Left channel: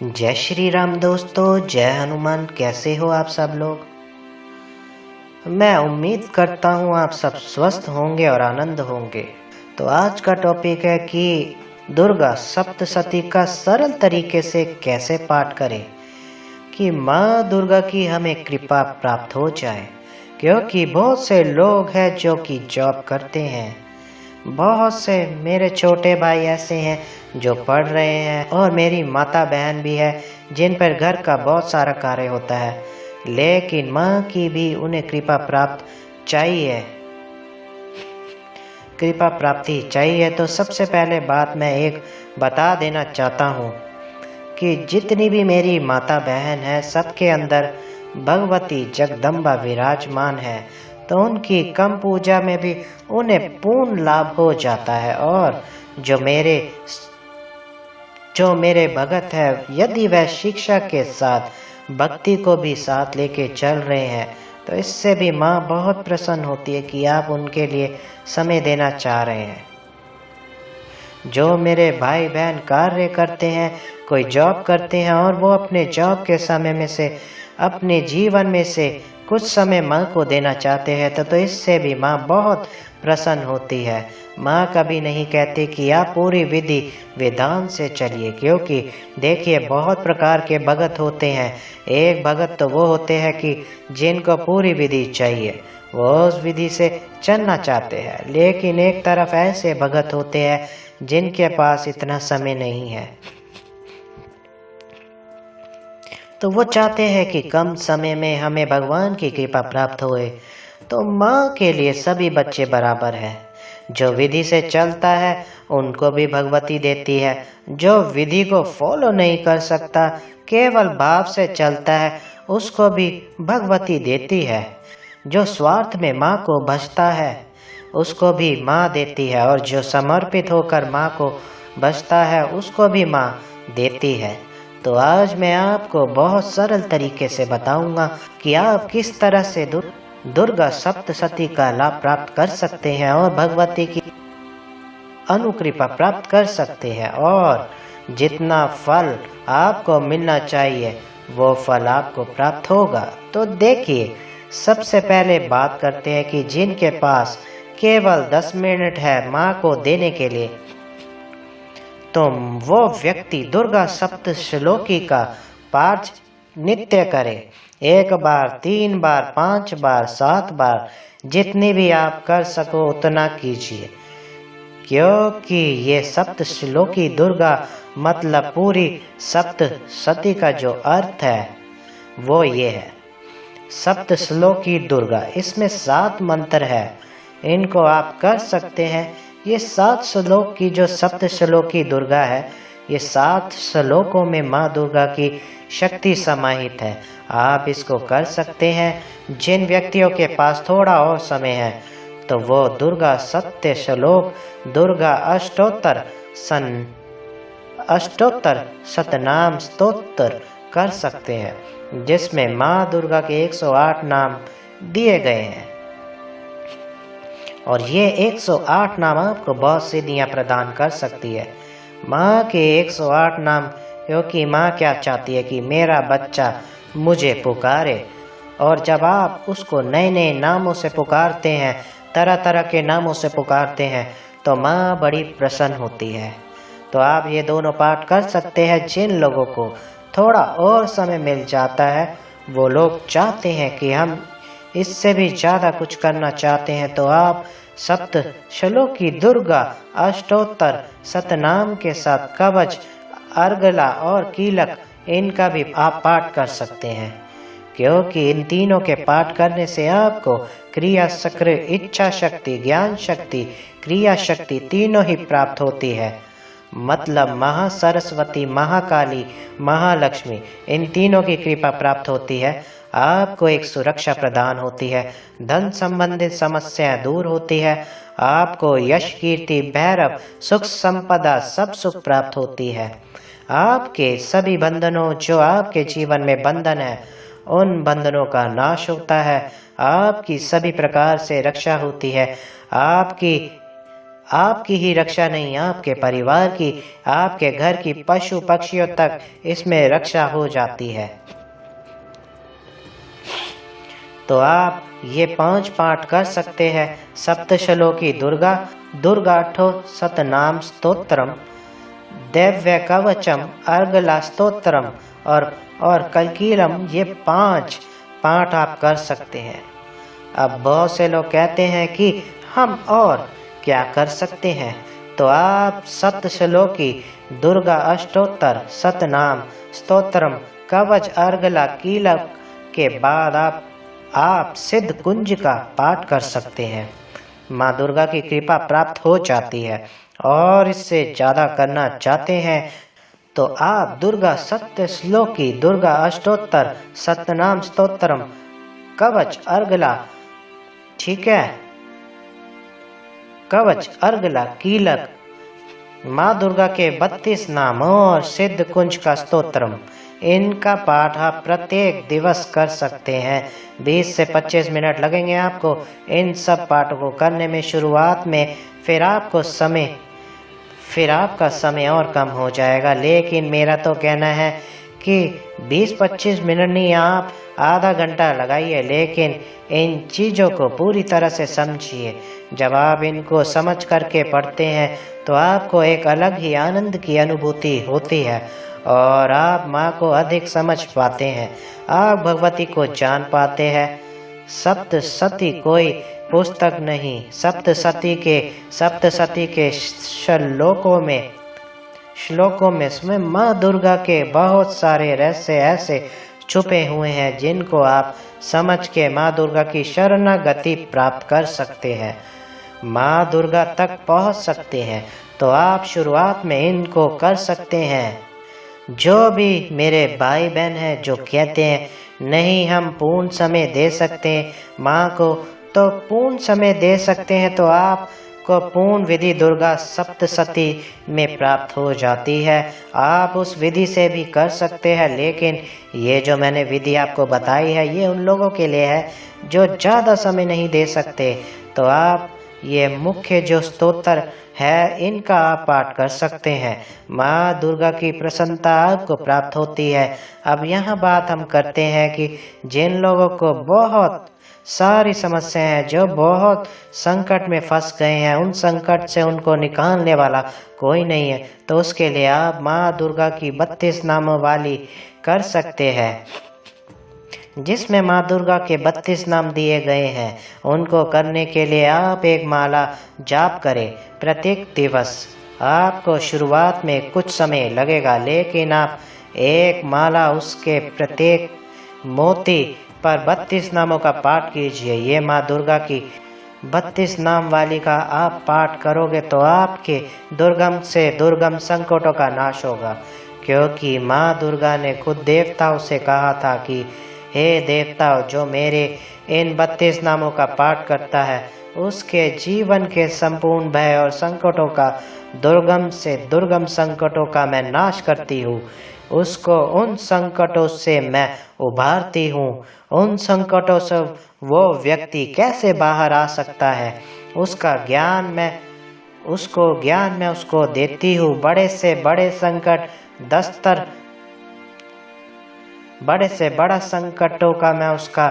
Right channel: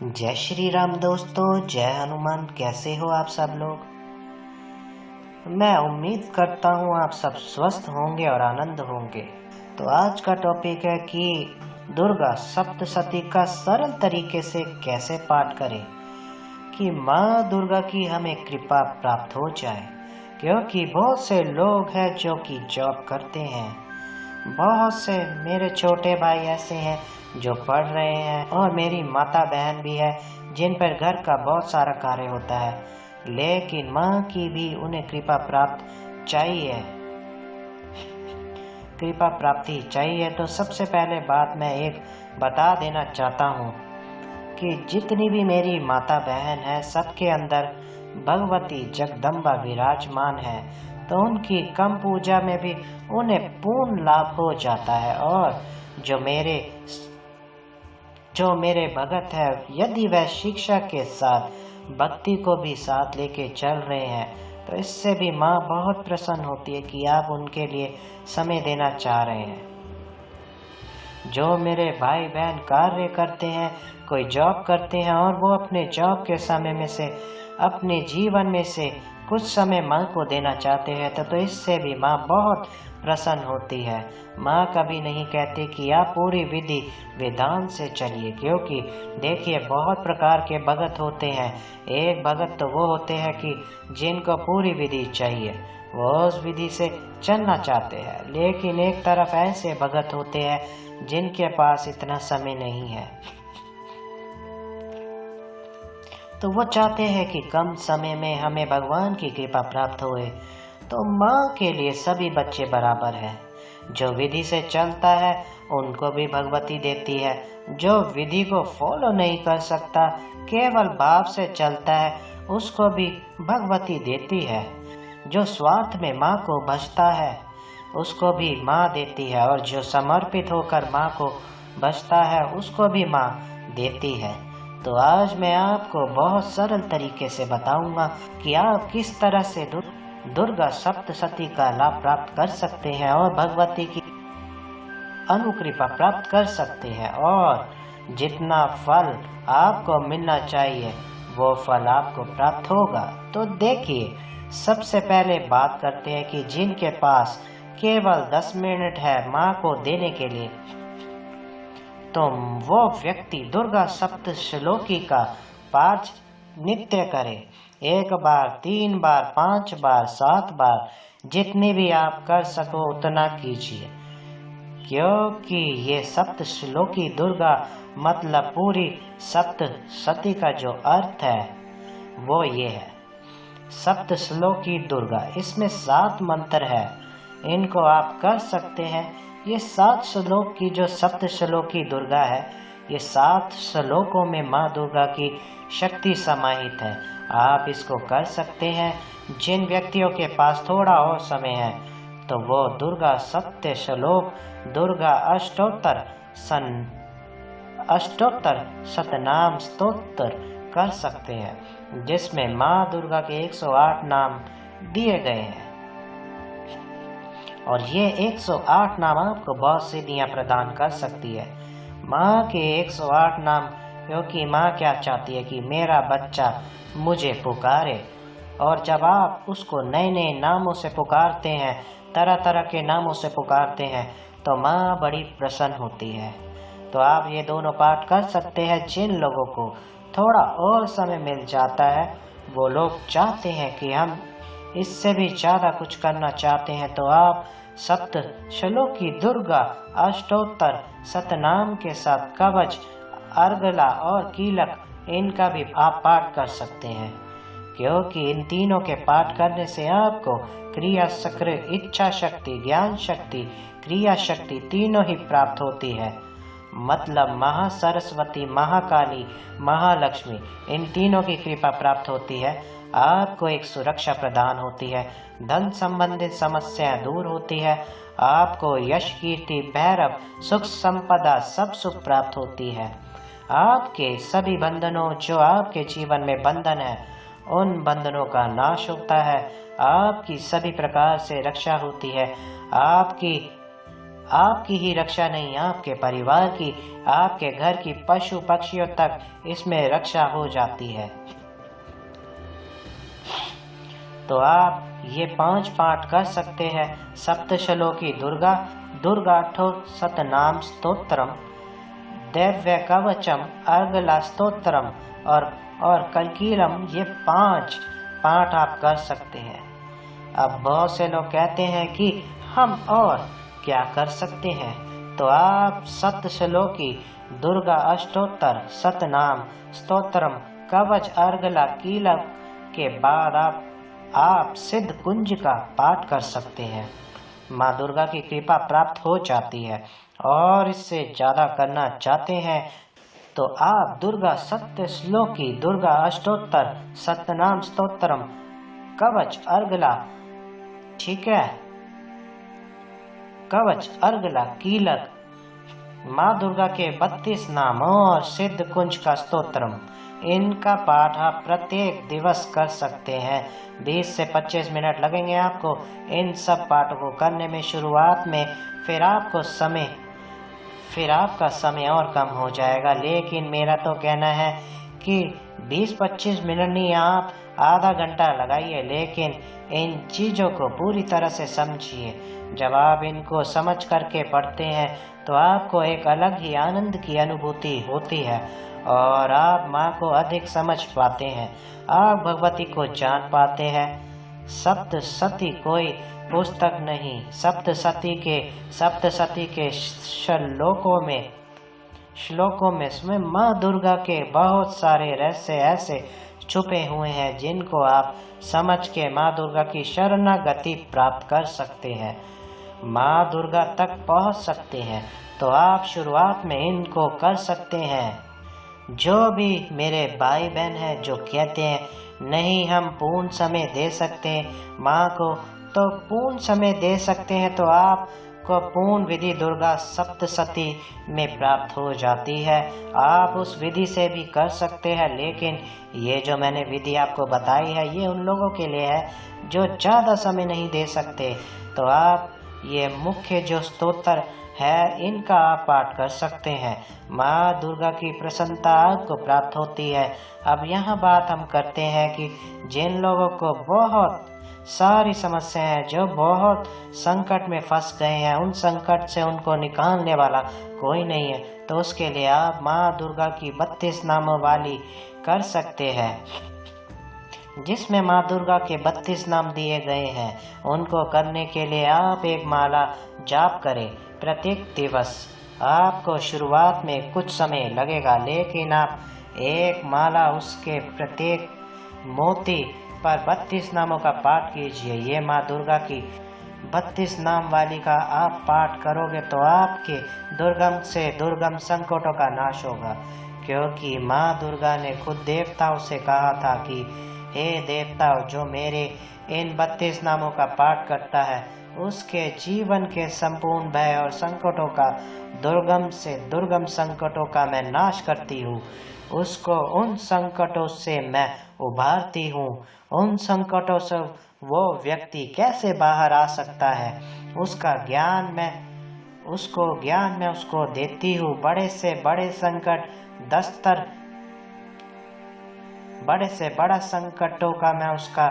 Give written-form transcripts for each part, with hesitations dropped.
जय श्री राम दोस्तों, जय हनुमान। कैसे हो आप सब लोग। मैं उम्मीद करता हूँ आप सब स्वस्थ होंगे और आनंद होंगे। तो आज का टॉपिक है कि दुर्गा सप्तशती का सरल तरीके से कैसे पाठ करें कि माँ दुर्गा की हमें कृपा प्राप्त हो जाए। क्योंकि बहुत से लोग हैं जो कि जॉब करते हैं, बहुत से मेरे छोटे भाई ऐसे हैं जो पढ़ रहे हैं और मेरी माता बहन भी है जिन पर घर का बहुत सारा कार्य होता है, लेकिन माँ की भी उन्हें कृपा प्राप्ति चाहिए। तो सबसे पहले बात मैं एक बता देना चाहता हूँ कि जितनी भी मेरी माता बहन है सबके अंदर भगवती जगदम्बा विराजमान है, तो उनकी कम पूजा में भी उन्हें पूर्ण लाभ हो जाता है। और जो मेरे भगत है, यदि वह शिक्षा के साथ भक्ति को भी साथ लेके चल रहे हैं, तो इससे भी माँ बहुत प्रसन्न होती है कि आप उनके लिए समय देना चाह रहे हैं। जो मेरे भाई बहन कार्य करते हैं, कोई जॉब करते हैं और वो अपने जॉब के समय में से अपने जीवन में से कुछ समय माँ को देना चाहते हैं, तो इससे भी माँ बहुत प्रसन्न होती है। माँ कभी नहीं कहती कि आप पूरी विधि विधान से चलिए, क्योंकि देखिए बहुत प्रकार के भगत होते हैं। एक भगत तो वो होते हैं कि जिनको पूरी विधि चाहिए, वो उस विधि से चलना चाहते हैं, लेकिन एक तरफ ऐसे भगत होते हैं जिनके पास इतना समय नहीं है, तो वो चाहते हैं कि कम समय में हमें भगवान की कृपा प्राप्त होए। तो माँ के लिए सभी बच्चे बराबर हैं। जो विधि से चलता है उनको भी भगवती देती है, जो विधि को फॉलो नहीं कर सकता, केवल भाव से चलता है, उसको भी भगवती देती है। जो स्वार्थ में माँ को भजता है उसको भी माँ देती है, और जो समर्पित होकर माँ को भजता है उसको भी माँ देती है। तो आज मैं आपको बहुत सरल तरीके से बताऊंगा कि आप किस तरह से दुर्गा सप्तशती का लाभ प्राप्त कर सकते हैं और भगवती की अनुकृपा प्राप्त कर सकते हैं, और जितना फल आपको मिलना चाहिए वो फल आपको प्राप्त होगा। तो देखिए, सबसे पहले बात करते हैं कि जिनके पास केवल 10 मिनट है माँ को देने के लिए, तो वो व्यक्ति दुर्गा सप्तश्लोकी का पाठ नित्य करे। 1 बार, 3 बार, 5 बार, 7 बार, जितनी भी आप कर सको उतना कीजिए। क्योंकि ये सप्तश्लोकी दुर्गा मतलब पूरी सप्तशती का जो अर्थ है वो ये है, सप्तश्लोकी दुर्गा। इसमें 7 मंत्र है, इनको आप कर सकते हैं। ये 7 श्लोक की जो सप्तश्लोकी दुर्गा है, ये 7 श्लोकों में माँ दुर्गा की शक्ति समाहित है। आप इसको कर सकते हैं। जिन व्यक्तियों के पास थोड़ा और समय है तो वो दुर्गा सत्य श्लोक, दुर्गा अष्टोत्तर सतनाम स्तोत्र कर सकते हैं, जिसमें माँ दुर्गा के 108 नाम दिए गए हैं। और ये 108 नाम आपको बहुत सिद्धियाँ प्रदान कर सकती है। माँ के 108 नाम, क्योंकि माँ क्या चाहती है कि मेरा बच्चा मुझे पुकारे, और जब आप उसको नए नए नामों से पुकारते हैं, तरह तरह के नामों से पुकारते हैं, तो माँ बड़ी प्रसन्न होती है। तो आप ये दोनों पाठ कर सकते हैं। जिन लोगों को थोड़ा और समय मिल जाता है, वो लोग चाहते हैं कि हम इससे भी ज़्यादा कुछ करना चाहते हैं, तो आप सप्तश्लोकी दुर्गा अष्टोत्तर सतनाम के साथ कवच, अर्गला और कीलक, इनका भी आप पाठ कर सकते हैं। क्योंकि इन तीनों के पाठ करने से आपको क्रिया शक्ति, इच्छा शक्ति, ज्ञान शक्ति, क्रिया शक्ति तीनों ही प्राप्त होती है। मतलब महासरस्वती, महाकाली, महालक्ष्मी, इन तीनों की कृपा प्राप्त होती है। आपको एक सुरक्षा प्रदान होती है, धन संबंधित समस्याएं दूर होती है, आपको यश, कीर्ति, भैरव, सुख, संपदा, सब सुख प्राप्त होती है। आपके सभी बंधनों, जो आपके जीवन में बंधन है, उन बंधनों का नाश होता है। आपकी सभी प्रकार से रक्षा होती है। आपकी ही रक्षा नहीं, आपके परिवार की, आपके घर की पशु पक्षियों तक इसमें रक्षा हो जाती है। तो आप ये 5 पाठ कर सकते हैं। सप्तश्लोकी दुर्गा, दुर्गाष्टो सतनाम स्तोत्रम, दैव्य कवचम, अर्गला स्तोत्रम और कलकीरम, ये 5 पाठ आप कर सकते हैं। अब बहुत से लोग कहते हैं कि हम और क्या कर सकते हैं, तो आप सप्तश्लोकी दुर्गा अष्टोत्तर सतनाम स्तोत्रम कवच अर्गला कीलक के बाद आप सिद्ध कुंज का पाठ कर सकते हैं। माँ दुर्गा की कृपा प्राप्त हो जाती है। और इससे ज़्यादा करना चाहते हैं तो आप दुर्गा सत्य श्लोकी दुर्गा अष्टोत्तर सतनाम स्तोत्रम कवच अर्गला, ठीक है, कवच अर्गला कीलक, माँ दुर्गा के 32 नाम और सिद्ध कुंज का स्तोत्रम, इनका पाठ आप प्रत्येक दिवस कर सकते हैं। 20 से 25 मिनट लगेंगे आपको इन सब पाठों को करने में शुरुआत में, फिर आपका समय और कम हो जाएगा। लेकिन मेरा तो कहना है कि 20-25 मिनट नहीं, आप आधा घंटा लगाइए, लेकिन इन चीज़ों को पूरी तरह से समझिए। जब आप इनको समझ करके पढ़ते हैं तो आपको एक अलग ही आनंद की अनुभूति होती है और आप माँ को अधिक समझ पाते हैं, आप भगवती को जान पाते हैं। सप्तशती कोई पुस्तक नहीं, सप्तशती के श्लोकों में स्वयं माँ दुर्गा के बहुत सारे रहस्य ऐसे छुपे हुए हैं जिनको आप समझ के माँ दुर्गा की शरणागति प्राप्त कर सकते हैं, माँ दुर्गा तक पहुँच सकते हैं। तो आप शुरुआत में इनको कर सकते हैं। जो भी मेरे भाई बहन हैं जो कहते हैं नहीं हम पूर्ण समय दे सकते हैं माँ को, तो पूर्ण समय दे सकते हैं तो आपको पूर्ण विधि दुर्गा सप्तशती में प्राप्त हो जाती है। आप उस विधि से भी कर सकते हैं, लेकिन ये जो मैंने विधि आपको बताई है ये उन लोगों के लिए है जो ज़्यादा समय नहीं दे सकते। तो आप ये मुख्य जो स्तोत्र है इनका आप पाठ कर सकते हैं, माँ दुर्गा की प्रसन्नता आपको प्राप्त होती है। अब यहाँ बात हम करते हैं कि जिन लोगों को बहुत सारी समस्याएं हैं, जो बहुत संकट में फंस गए हैं, उन संकट से उनको निकालने वाला कोई नहीं है, तो उसके लिए आप माँ दुर्गा की 32 नामों वाली कर सकते हैं, जिसमें माँ दुर्गा के 32 नाम दिए गए हैं। उनको करने के लिए आप एक माला जाप करें प्रत्येक दिवस। आपको शुरुआत में कुछ समय लगेगा, लेकिन आप एक माला उसके प्रत्येक मोती पर 32 नामों का पाठ कीजिए। ये माँ दुर्गा की 32 नाम वाली का आप पाठ करोगे तो आपके दुर्गम से दुर्गम संकटों का नाश होगा, क्योंकि माँ दुर्गा ने खुद देवताओं से कहा था कि हे देवताओं, जो मेरे इन 32 नामों का पाठ करता है उसके जीवन के संपूर्ण भय और संकटों का, दुर्गम से दुर्गम संकटों का मैं नाश करती हूँ, उसको उन संकटों से मैं उभारती हूँ। उन संकटों से वो व्यक्ति कैसे बाहर आ सकता है, उसका ज्ञान मैं उसको देती हूँ। बड़े से बड़े संकट, बड़े से बड़ा संकटों का मैं उसका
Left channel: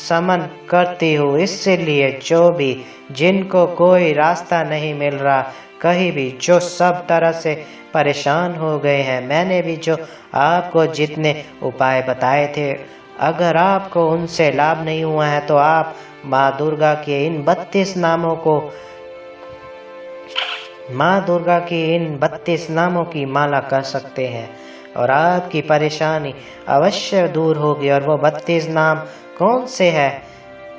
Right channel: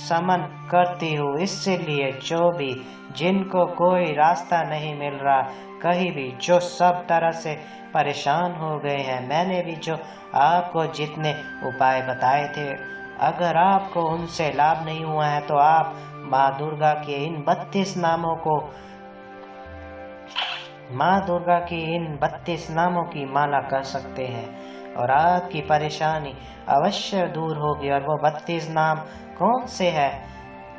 समन करती हूँ। इसलिए जिनको कोई रास्ता नहीं मिल रहा कहीं भी, जो सब तरह से परेशान हो गए हैं, मैंने भी जो आपको जितने उपाय बताए थे, अगर आपको उनसे लाभ नहीं हुआ है तो आप माँ दुर्गा के इन 32 नामों को, माँ दुर्गा की इन 32 नामों की माला कर सकते हैं और आपकी परेशानी अवश्य दूर होगी। और वो 32 नाम कौन से हैं,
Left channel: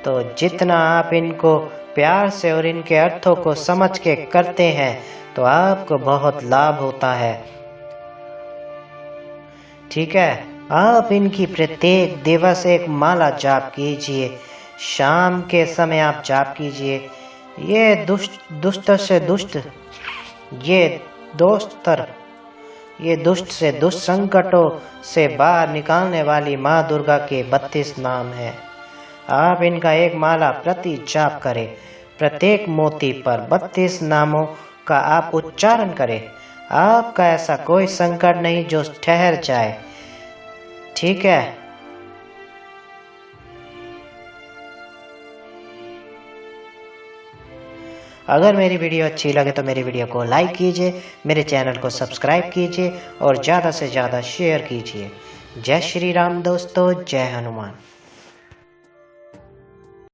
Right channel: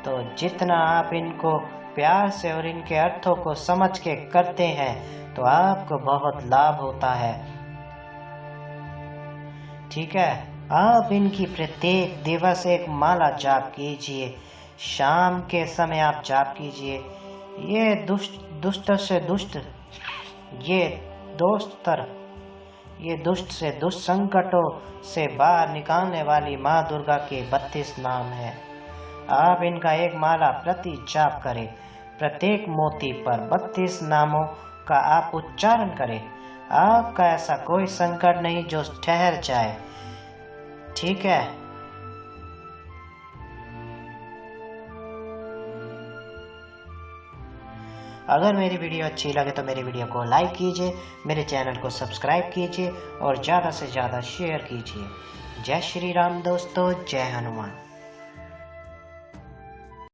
तो जितना आप इनको प्यार से और इनके अर्थों को समझ के करते हैं तो आपको बहुत लाभ होता है, ठीक है। आप इनकी प्रत्येक दिवस एक माला जाप कीजिए, शाम के समय आप जाप कीजिए। ये दुष्ट से दुष्ट संकटों से बाहर निकालने वाली माँ दुर्गा के 32 नाम हैं। आप इनका एक माला प्रति जाप करें प्रत्येक मोती पर 32 नामों का आप उच्चारण करें। आपका ऐसा कोई संकट नहीं जो ठहर जाए, ठीक है? अगर मेरी वीडियो अच्छी लगे तो मेरी वीडियो को लाइक कीजिए, मेरे चैनल को सब्सक्राइब कीजिए और ज़्यादा से ज़्यादा शेयर कीजिए। जय श्री राम दोस्तों, जय हनुमान।